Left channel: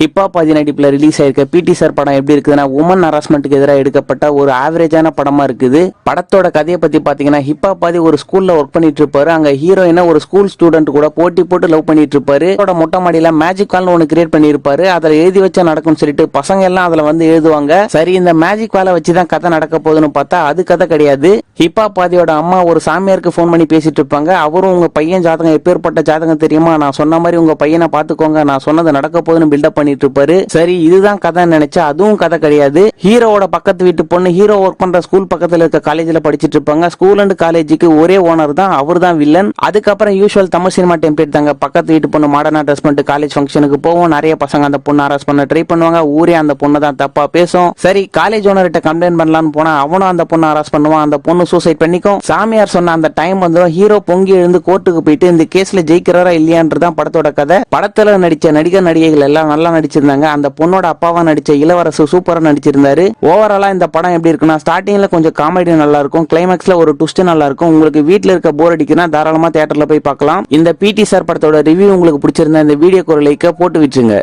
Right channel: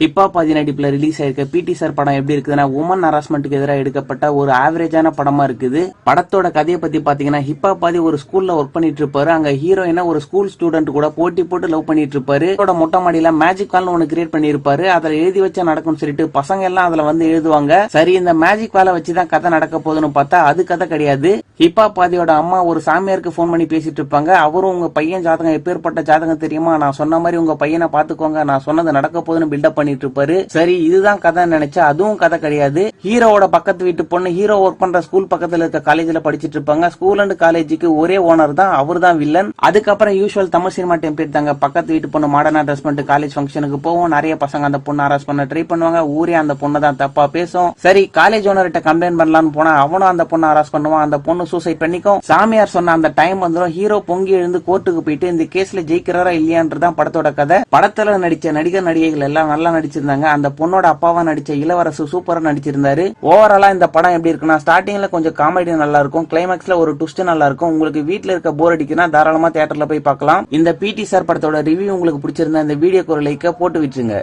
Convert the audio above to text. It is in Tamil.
ஹிப்ஹாப் ஆதி நடிப்புல ரிலீஸ் ஆயிருக்க பிடி சார் படம் எப்படி இருக்குதுன்னா உமன் ஹராஸ்மெண்ட்டுக்கு எதிராக எடுக்கப்பட்ட ஒரு ஆவரேஜான படமா இருக்குது. படத்தோட கதையை பத்தி பாத்தீங்கன்னா ஹிப்ஹாப் ஆதி ஒரு ஸ்கூல்ல ஒர்க் பண்ணிட்டு இருப்பாரு. அங்க ஹீரோயினா ஒரு ஸ்கூல் ஸ்டூடெண்ட் கூட போட்டி போட்டு லவ் பண்ணிட்டு இருப்பாரு. மொட்டை மாடியில மேஜிக் வால்னு ஒன்னு கிரியேட் பண்ணிருப்பாரு. அதுல எழுதி வச்சா நடக்கும் சொல்லிட்டு பசங்க எல்லாம் அதுல வந்து எழுதுவாங்க. சரி, இந்த மேஜிக் வாலை வச்சுதான் கதை நடக்க போகுதுன்னு பார்த்தா அது கதை கிடையாது. ஹிப்ஹாப் ஆதியோட அம்மா ஒரு சாமியாருக்கு போன் பண்ணி பேசிட்டு இருப்பாங்க. அவரும் உங்க பையன் ஜாதகம் எப்பேற்பட்ட ஜாதகம் தெரியுமா, நான் சொன்ன மாதிரி உங்க பையனை பாத்துக்கோங்க, நான் சொன்னது நடக்க போகுதுன்னு பில்டப் பண்ணிட்டு இருப்பாரு. சரி, இதுதான் கதை நினைச்சா அதுவும் கதை கிடையாது. ஹீரோவோட பக்கத்து வீட்டு பொண்ணு ஹீரோ ஒர்க் பண்ற ஸ்கூல் பக்கத்துல இருக்க காலேஜ்ல படிச்சிட்டு இருப்பாங்க. ஸ்கூல் அண்ட் காலேஜுக்கு ஒரே ஓனர் தான், அவர் தான் வில்லன். அதுக்கப்புறம் யூசுவல் தமிழ் சினிமா டெம்ப்ளேட் தாங்க. பக்கத்து வீட்டு பொண்ணு மாடர்னா ட்ரெஸ் பண்ணிட்டு காலேஜ் ஃபங்க்ஷனுக்கு போவோம். நிறைய பசங்க அந்த பொண்ணு அரெஸ்ட் பண்ண ட்ரை பண்ணுவாங்க. ஊரே அந்த பொண்ணு தான் தப்பா பேசும். சரி, காலேஜ் ஓனர்கிட்ட கம்ப்ளைண்ட் பண்ணலாம்னு போனா அவனும் அந்த பொண்ணு அரெஸ்ட் பண்ணுவான். அந்த பொண்ணு சூசைட் பண்ணிக்கும். சாமியார் சொன்ன அந்த டைம் வந்து ஹீரோ பொங்கி எழுந்து கோர்ட்டுக்கு போயிட்டு இந்த கேஸ்ல ஜெயிக்கிறாரா இல்லையான்றதான் படத்தோட கதை. படத்துல நடிச்ச நடிகர் நடிகைகள் எல்லாம் நல்லா நடிச்சிருந்தாங்க. அந்த பொண்ணோட அப்பாவா நடிச்ச இளவரசு சூப்பரா நடிச்சிருந்தாரு. ஓவராலா இந்த படம் எப்படி இருக்குன்னா ஸ்டார்டிங்ல கொஞ்சம் காமெடி நல்லா இருக்கும், கிளைமேக்ஸ்ல ஒரு ட்விஸ்ட் நல்லா இருக்கும். உங்களுக்கு வீட்ல இருக்க போர் அடிக்குன்னா தாராளமா தியேட்டர்ல போய் பார்க்கலாம். இந்த பிடி சார் படத்தோட ரிவ்யூ உங்களுக்கு பிடிச்சிருந்தா இந்த வீடியோக்கு ஒரு லைக் போட்டு விட்டுருங்க.